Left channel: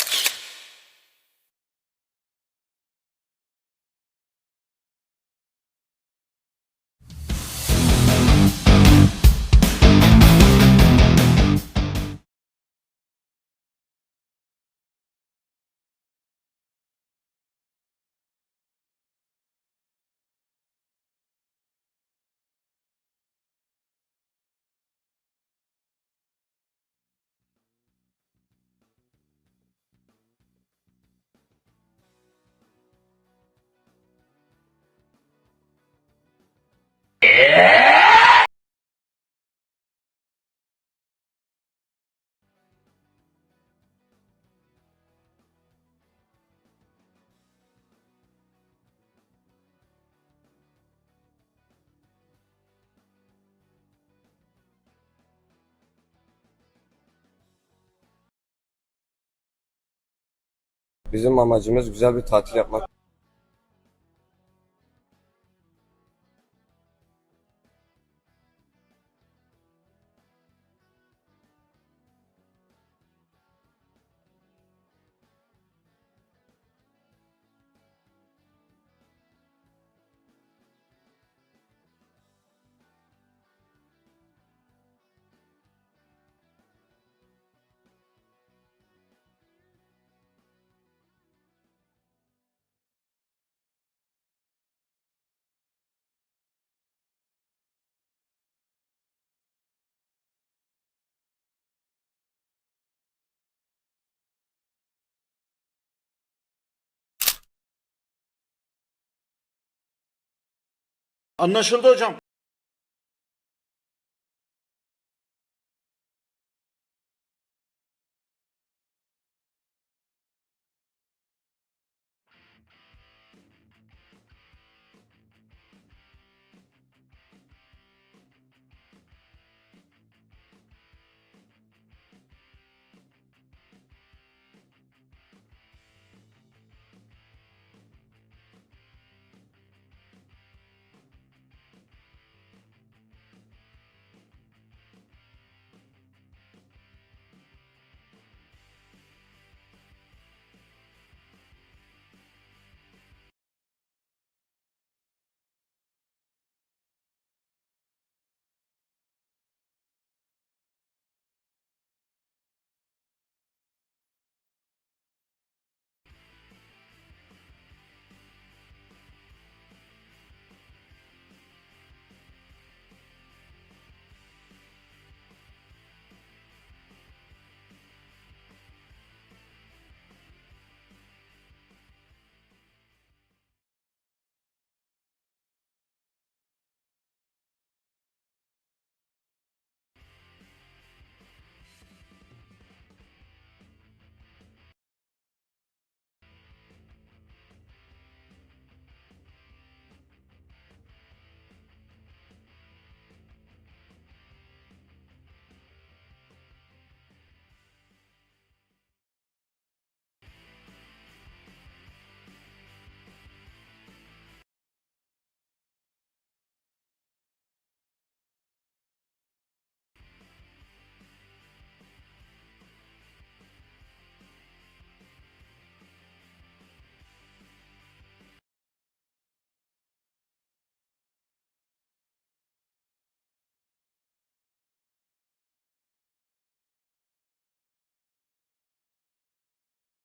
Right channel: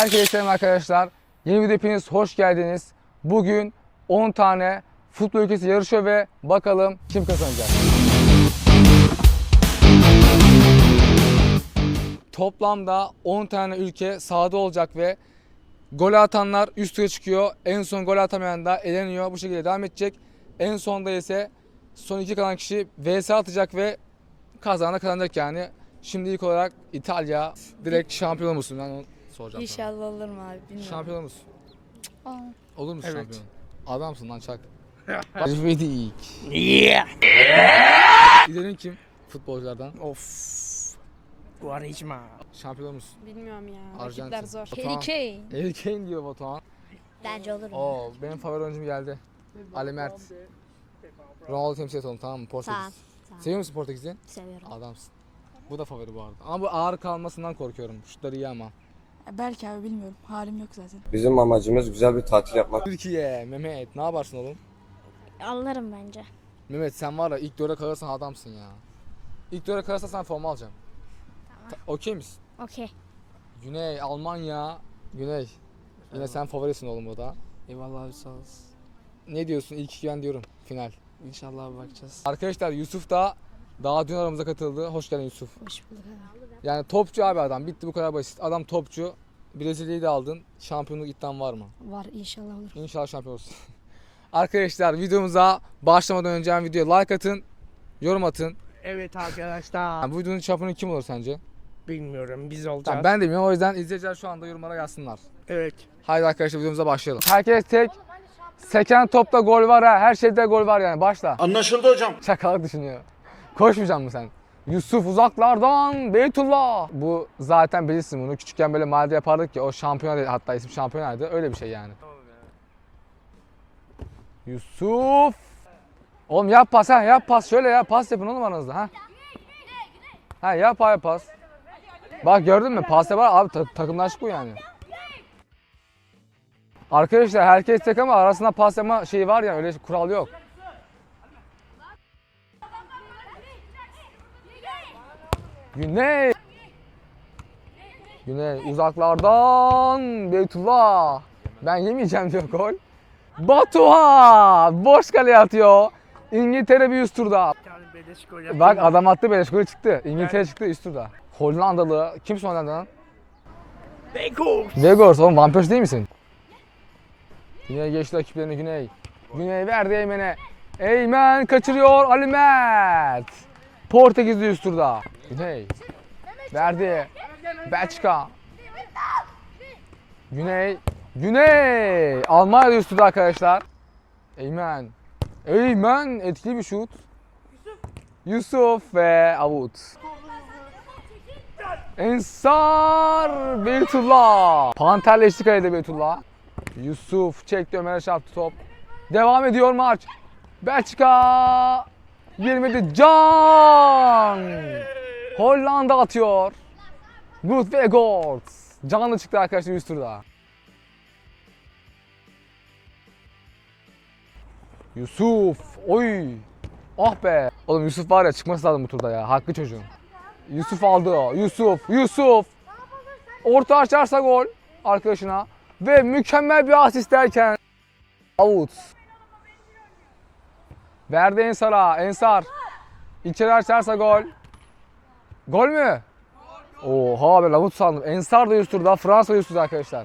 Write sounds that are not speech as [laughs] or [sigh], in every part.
Herkese selam arkadaşlar. Yeni video hepiniz hoş geldiniz. Bugün 10 tane futbol ülkesi yarışıyor ve bakalım kim kazanacak. Toplamda 10 tane ülke sahada olacak ve gol atanlar üst tura çıkıyor. En son gol atamayan da eleniyor. Bu şekilde devam edecek. En sonda ise son iki kalan kişi vs atacak ve kazanan da kazanacak yani. Şimdi ilk olarak İtalya direkt şampiyon? Ben onu soracağım. sana. İnşallah olurum abi bilmiyorum. Şampiyon musun? Aa. Olur musun Evet. şampiyon? Adamsın lan çak. [laughs] Vedik. Yeah. İlerin kim? Futbolculardan. Of. Guarijma. Şampiyon musun? Bilmiyorum ya. Arjantin. Rakipler zor. Harry Kane. Harry Kane diyor Batuhan. Bence olur mu? Oo benim favori oyuncum geldi. Ali Mert. Ronaldo temsil et onu tamam mı? Portekiz. Tamam. tamam. Seviyor musun Portekiz'i? Seviyorum. Adamsın. Bu da favori bu arada. Ama bu ağır kalmasından korkuyorum. Şutları iyi ama. Belki abi bilmiyorum. Halim yok zaten. Bizim amacımız güzel bir tatil yapmak. Türkiye, Mehmet ne yaparsın oğlum? Alırım bence. Mehmet sen var ya ilk döre kalırsan adamsın ya. İlk döre kalırsan sen forma alacağım. Ta- Okey misin? Okey. Güney, Almanya, Güney. Yine sen favorisin oğlum o da. Eyvallah abi sağ olasın. Ne diyorsun? İlk iki ben diyorum final. İnşallah bakacağız. Arkadaşlar Yusuf da daha dün aramıza katıldı. Hoş geldin Yusuf. Hoş bulduk abi. Yani topçu abi adam. Bitti bu kadar basit. Adam topçu. Brezilya'yı da aldın. Şampiyonluk iddian var mı? Var inşallah olur. İnşallah şampiyon olsun. [laughs] Arkadaşlar videomuza başlamadan önce hem videoya like atın, yorum atın. Evet arkadaşlar. Yani bu videonun şampiyonu kim olur sence? Bilmiyorum biz olacağız. Tamam, ben de bilmiyorum o yüzden izleyiciler şu anda yorumlara yazsınlar. Evet. Haydi arkadaşlar videomuza başlayalım. Herkes tek. Seken topta gol var ha. Her şeyde gol var yani. Başla. Anlaşıldı hocam. Şakalık düşünüyor. Koşmayacaksın mı sen? Yusuf uzaklardan Beytullah. Bu zaten bilirsin bunu. Küçükken böyle mahallede yapardık ya. O şampiyon hatta isim şampiyonaydı. Öyle bir şey yani. Yusuf. Oğlum yap pas ha yap pas şöyle ya pas yapın oğlum aranızda ha. Ha yap abi pas. Bak gördün mü pas yapar abi ta- takımlaşık bu yani. Arkadaşlar herkes tek ama arasında pas yapma şeyi var ya öyle kural yok. Güney. Güney uzaklardan Beytullah. Ben yemeyeceğim diyor gol. Batuhan boş kaleye atıyor. İngiltere bir üst turda. Bak adam attı beleş golü çıktı. İngiltere çıktı üst turda. Hollandalı. Kimsin Hollandalı? Beko. Vegors oğlum Persie değil misin? Güney geçti rakiplerini Güney. Güney verdi Eymen'e. Eymen kaçırıyor Ali Mert. Portekizli üst turda. Güney. Verdi. Belçika. Güney. Güney. Almanya üst turda arkadaşlar. Eymen. Eymen etkili bir şut. Yusuf ve Avut. Ensar Beytullah. Panterleşti kalede Beytullah. Yusuf çekti Ömer'e çarptı top. Devam ediyor maç. Belçika. Girmedi Can. Hollanda atıyor. Good ve Gortz. Canlı çıktı arkadaşlar üst turda. Yusuf. Oy. Ah be. Oğlum Yusuf var ya çıkması lazım bu turda ya. Hakkı çocuğun. Yusuf aldı. Yusuf, Yusuf. Orta açarsa gol arkadaşına. Ve mükemmel bir asist derken out. Verdi Ensar'a. Ensar. İçeri açarsa gol. Gol mü? Oha be lavut sandım. Ensar da üst turda. Fransa üst turda arkadaşlar.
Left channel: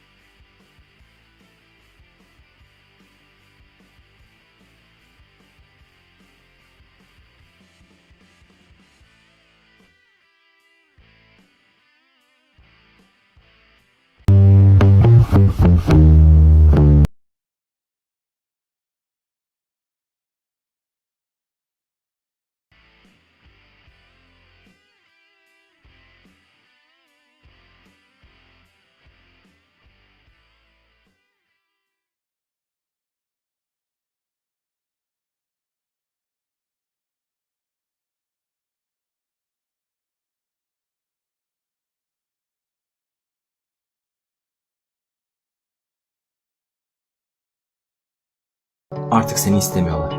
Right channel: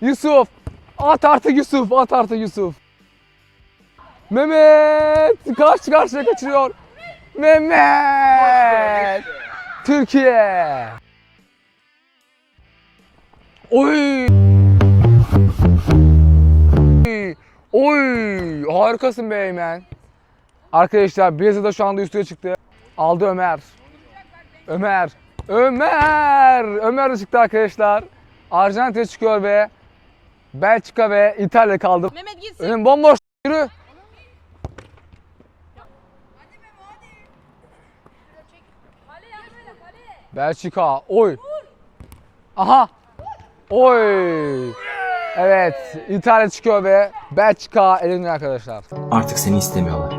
Yusuf. At artık Yusuf. At artık Yusuf. Mehmet karşı karşıya kaçırıyor. Mehmet. Türkiye. Oy. Oy. Harikasın be Eymen. Arkadaşlar Brezilya'da şu anda üstüne çıktı. Aldı Ömer. Ömer. Ömer. Ömer de çıktı arkadaşlar. Arjantin çıkıyor ve Belçika ve İtalya kaldı. Mehmet gitsin. Önüm bomboş. Yürü. Belçika. Oy. Aha. Oy. Evet. İtalya çıkıyor ve Belçika eleniyor arkadaşlar. Artık seni istemiyorlar.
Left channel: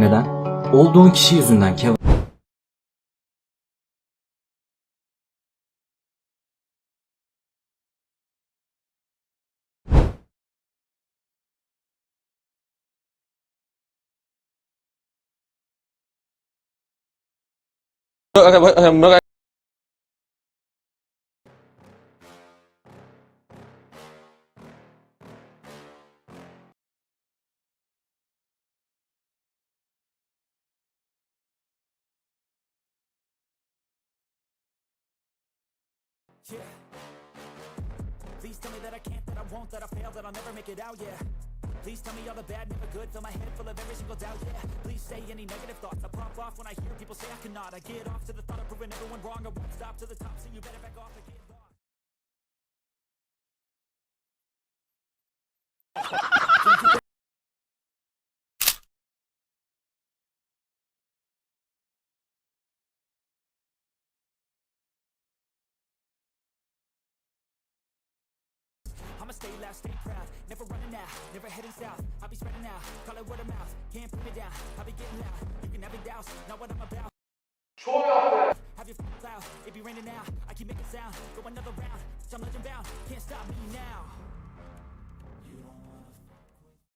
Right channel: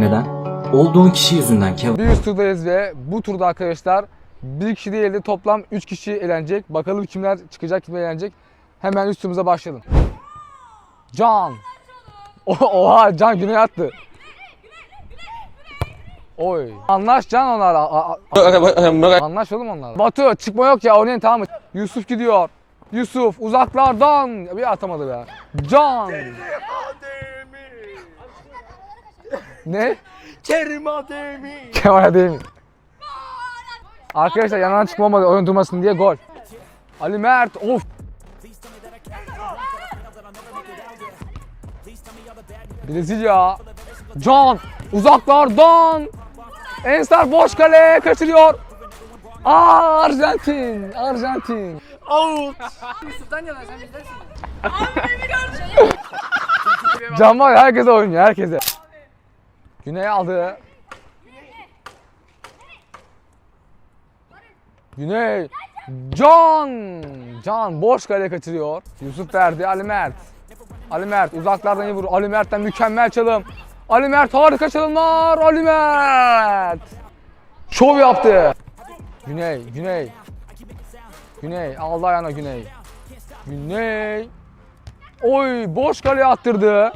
Neden? Olduğun kişi yüzünden Kev. Bir turdayız ve bu turda arkadaşlar Bir kişi değil de toplam 3 kişi eğlenecek. Bakalım kimler çıkacak, kimler eğlenecek. Hemen üstümüze başlayalım. Can. Oha Can güneye attı. Oy. Anlaş Can onlarla. A- a- Anlaş oğlum onlarla. Batu çıkma yok ya oynayın tamam mı? Yusuf gidiyor. Yusuf uzaklardan. Bir atamadı be. Can. Ne? Kerim Ademi. Kemal değil mi? Arkadaşlar yanından çıkma olmadı oyun durmasın diye gol. Ali Mert of. Brezilya. Can uzaklardan. Ensar boş kale kaçırıyor. Aa Arjantin. Arjantin. Out. Can var herkese oynuyor herkese. Güney aldı. Güney. Can. Can boş kale kaçırıyor. Yusuf verdi Ali Mert. Ali Mert uzaklardan iyi vurur. Ali Mert'ten mükemmel çalım. Ali Mert harika çalımlar. Ali Mert. Şov yaptı. Güney, Güney. Güney aldı ayağına Güney. Güney. Oy boş kaleye attırdı.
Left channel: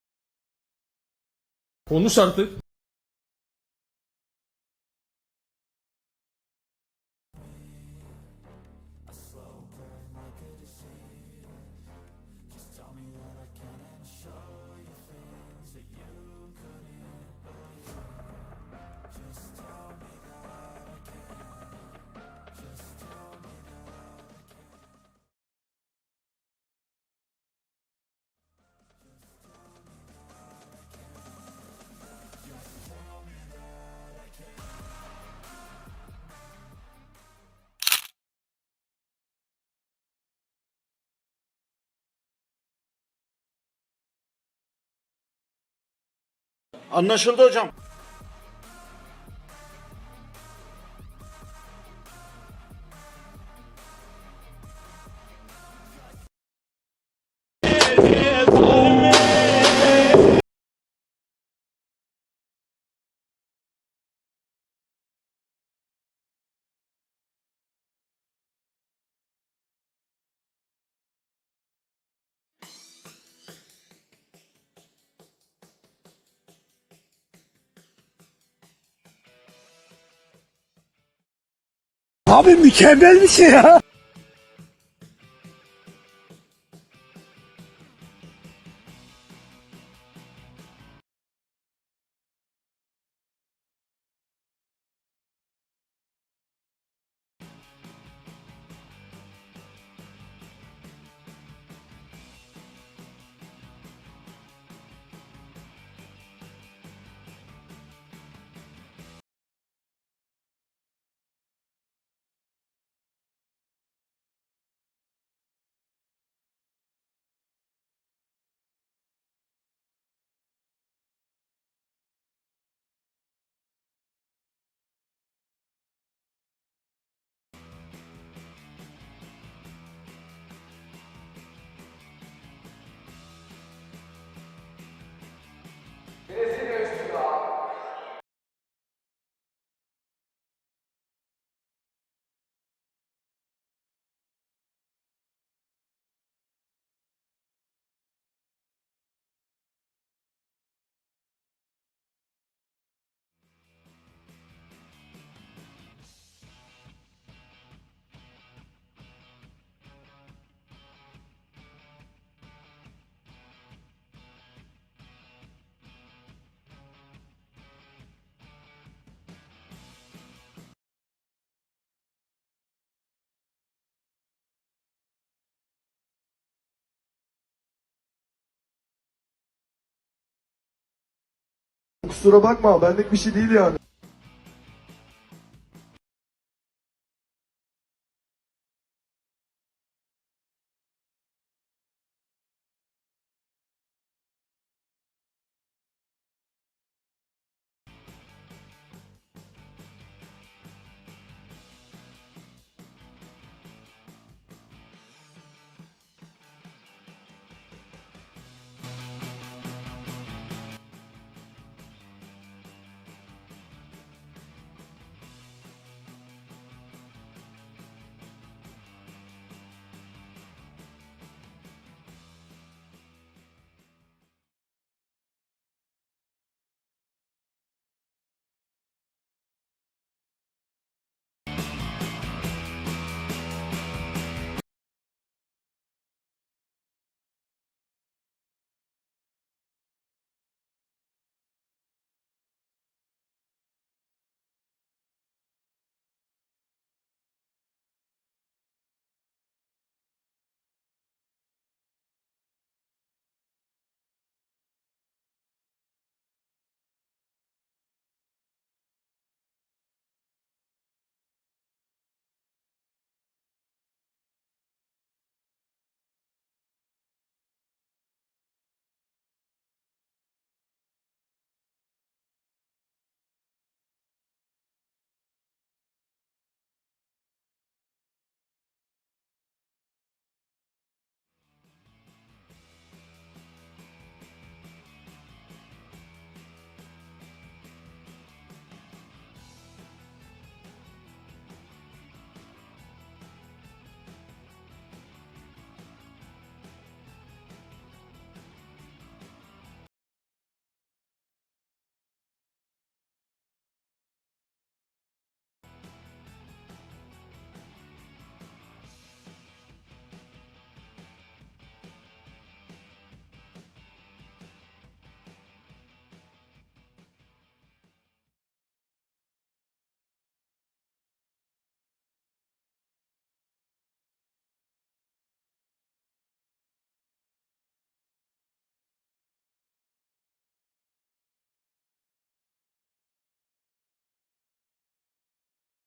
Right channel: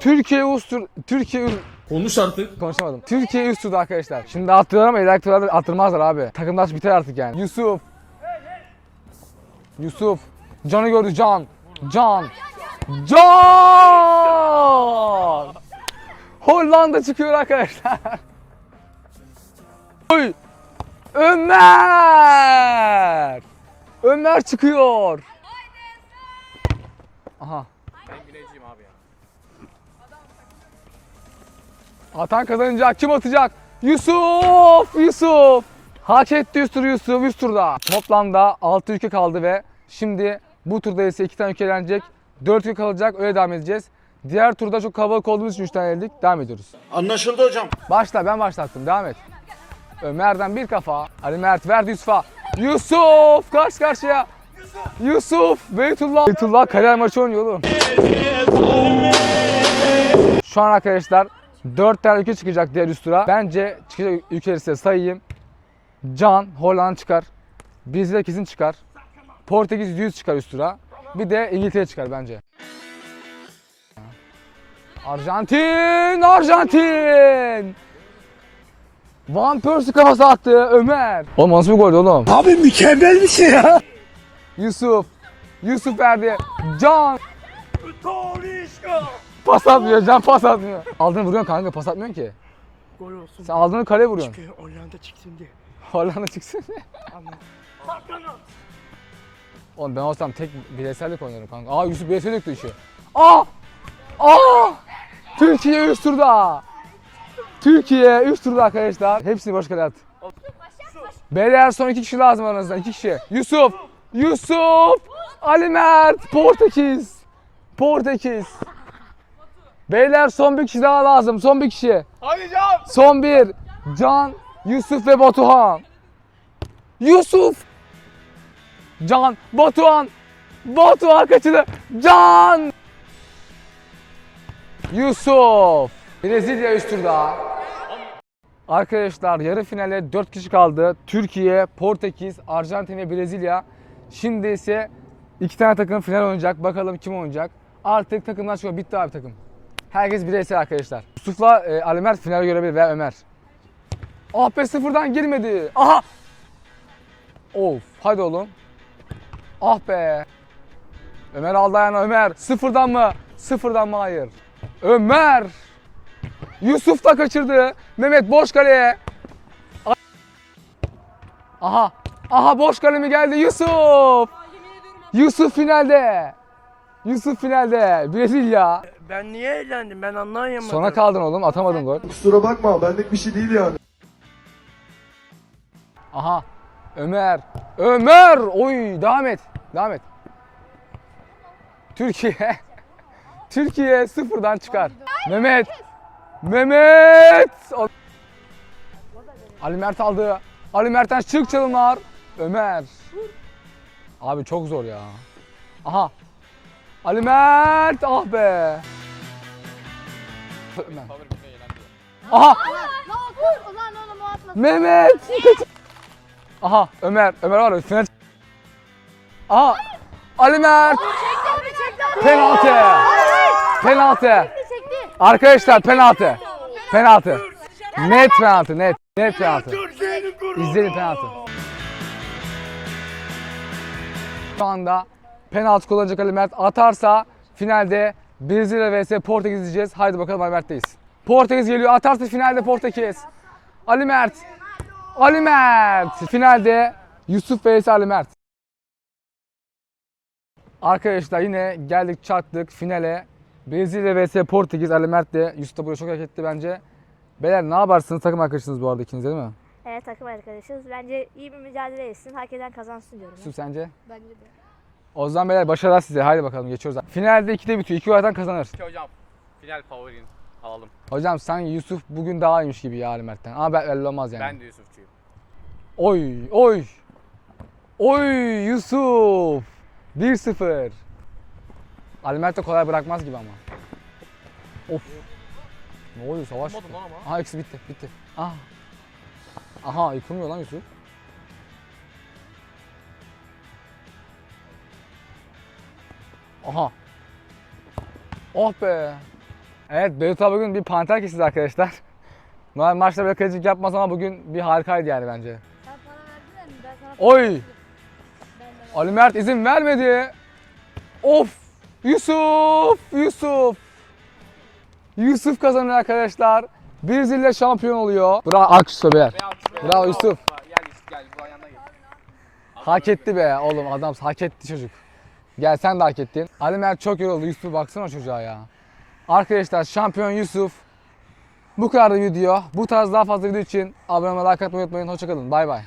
Türkiye ustur Türkiye Konuş artık. konuşamadım. Türkiye üst turdu arkadaşlar. Şimdi attırıyorlar ama ileriki turlarda attırmazlar abi. Takımdaş biter artık yani. Yusuf. Yusuf. Can'ı gördü Can. Can. Can. Hollanda çıkıyor arkadaşlar. Oy. Ömer. Ömer çıkıyor. Aha. Atan kazanacak. Kim atacak? Yusuf! Yusuf! Hak etti üst turu Yusuf üst turda. Toplamda 6 ülke kaldı ve şimdi bu turda ise 2 tane ülke elenecek. 4 ülke kalacak öyle devam edeceğiz. Diğer turda çok kalabalık olduğumuz için 3 tane eldik. Devam ediyoruz. Anlaşıldı hocam. Başla ben başlattım devam et. Ömer'den bir kafa. Ali Mert verdi Yusuf'a. Yusuf karşı karşıya. Yusuf Beytullah. Beytullah kariyer maçı oynuyor oğlum. Şu an arkadaşlar 4 tane ülke çıkacak diğer üst tura. Bence çıkacak ülkeleri size sayayım. Can Hollanda çıkar. Brezilya kesin çıkar. Portekiz 100 çıkar üst tura. Bir de İngiltere çıkar bence. Arjantin! Arjantin! Van Persie kafası attı Ömer. Oğlum nasıl bir gol oğlum? Abi mükemmel bir şey ya. Yusuf. Yusuf verdi. Can. Pas atmıyor. Can pas atmıyor. Aldığını vuruyorsun kanka pas atmıyorsun ki. Gol olsun. Sen aldığını kaleye vuruyorsun. Çünkü Hollanda çıksın diye. Hollanda çıksın. Anladım. Oğlum ben olsam tek bireysellik oynarım kanka. Aa Yusuf bireysel döktü işi. Aa! Aa! Türkiye üst turda. Türkiye üst turda arkadaşlar. Hepsini boş kale at. Beyler son iki kişi lazım aranızdan. iki kişi. Yusuf! Yusuf! Ali Mert! Portekiz! Portekiz! Beyler son bir kişi daha lazım. Son bir kişi. Hadi Can. Son bir. Can, Yusuf ve Batuhan. Yusuf. Can, Batuhan. Batuhan kaçırdı. Can. Yusuf. Brezilya üst turda. Arkadaşlar yarı finale 4 kişi kaldı. Türkiye, Portekiz, Arjantin ve Brezilya. Şimdi ise iki tane takım final oynayacak. Bakalım kim oynayacak. Artık takımlar çıkıyor. Bitti abi takım. Herkes bireysel arkadaşlar. Yusuf'la e, Ali Mert final görebilir veya Ömer. Ah sıfırdan girmedi. Aha. Of hadi oğlum. Ah be. Ömer aldı ayağına Ömer. Sıfırdan mı? Sıfırdan mı? Hayır. Ömer. Yusuf da kaçırdı. Mehmet boş kaleye. Aha. Aha boş kale mi geldi? Yusuf. Yusuf finalde. Yusuf finalde. Brezilya. Ben niye eğlendim? Ben anlayamadım. Sona kaldın oğlum. Atamadın gol. Kusura bakma benlik bir şey değil yani. Aha. Ömer. Ömer. Oy devam et. Devam et. Türkiye. [laughs] Türkiye sıfırdan çıkar. Mehmet. Mehmet. Ali Mert aldı. Ali Mert'ten çık çalımlar. Ömer. Abi çok zor ya. Aha. Ali Mert. Ah be. Aha. Mehmet. Aha Ömer. Ömer var final. Aha. Ali Mert. Penaltı. Penaltı. Arkadaşlar penaltı. Penaltı. Net penaltı net. Net penaltı. İzleyin penaltı. Şu anda penaltı kullanacak Ali Mert. Atarsa finalde Brezilya vs Portekiz izleyeceğiz. Haydi bakalım Ali Mert'teyiz. Portekiz geliyor. Atarsa finalde Portekiz. Ali Mert. Ali Mert. Finalde Yusuf vs Ali Mert. Arkadaşlar yine geldik çattık finale. Brezilya vs Portekiz Ali Mert de Yusuf da buraya çok hak etti bence. Beyler ne yaparsınız takım arkadaşınız bu arada ikiniz de değil mi? Evet takım arkadaşız. Bence iyi bir mücadele etsin. Hak eden kazansın diyorum. Yusuf sence? Bence de. O zaman beyler başarılar size. Haydi bakalım geçiyoruz. Finalde 2'de bitiyor. 2 oydan kazanır. hocam final favorin alalım. Hocam sen Yusuf bugün daha iyiymiş gibi ya Ali Mert'ten. Ama ben- belli olmaz yani. Ben de Yusufçuyum. Oy oy. Oy Yusuf. 1-0. Ali Mert de kolay bırakmaz gibi ama. Of. Ne oluyor savaş? Aha eksi bitti bitti. Aha. Aha yıkılmıyor lan Yusuf. Aha. Oh be. Evet Beyrut abi bugün bir panter kesiz arkadaşlar. [laughs] Normal maçta böyle kalecilik yapmaz ama bugün bir harikaydı yani bence. Sen para verdin mi? Ben sana Oy! Ali Mert izin vermedi. Of! Yusuf! Yusuf! Yusuf kazanıyor arkadaşlar. Brezilya şampiyon oluyor. Bravo alkış beyler. Bravo Yusuf. Gel Yusuf gel bu ayağına gel. Hak etti be oğlum adam hak etti çocuk. Gel sen de hak ettin. Ali Mert çok yoruldu. Yusuf baksana çocuğa ya. Arkadaşlar şampiyon Yusuf. Bu kadar da video. Bu tarz daha fazla video için abone olmayı, like atmayı unutmayın. Hoşçakalın. Bay bay.